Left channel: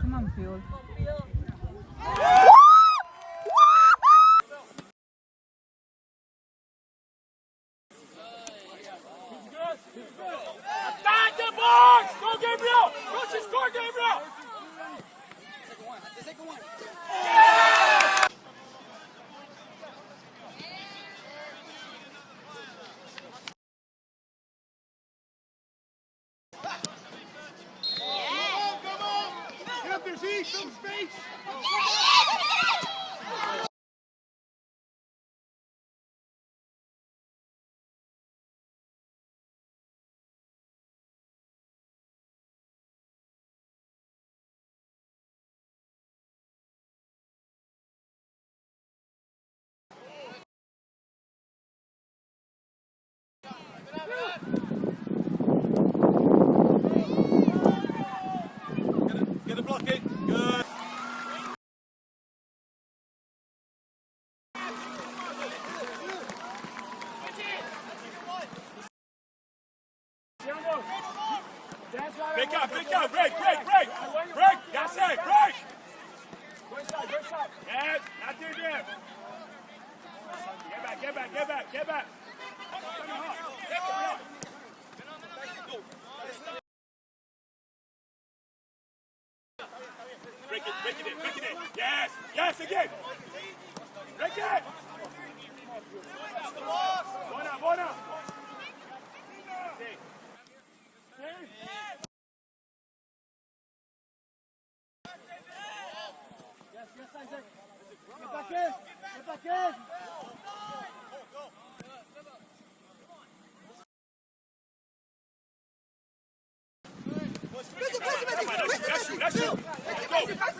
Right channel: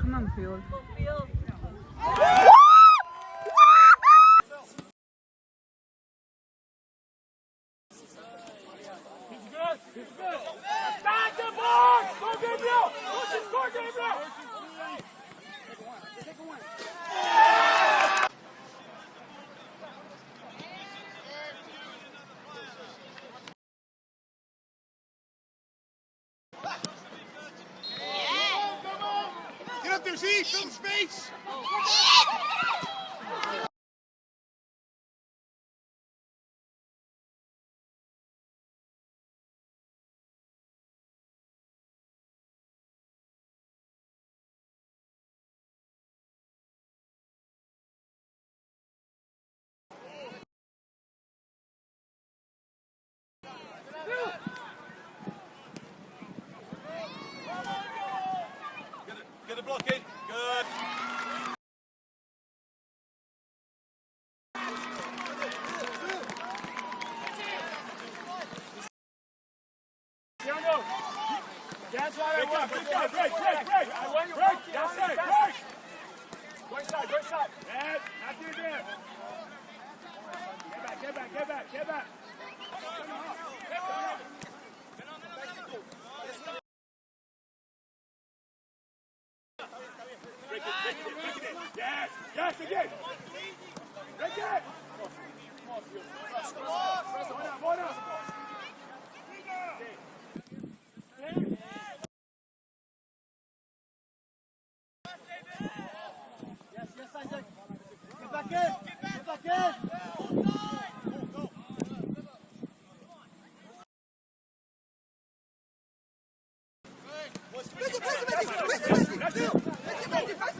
come on, Phil. Back the box! Go Gabriel! What's your score, Gabriel? Get up there, Z! Fill space! Get the blocking. Good. Break up, break. That's it, break. Waist up. Yeah, after you grab. Get back. Break it. Yes, again. Break it. One up. Get back in. Go. Push it.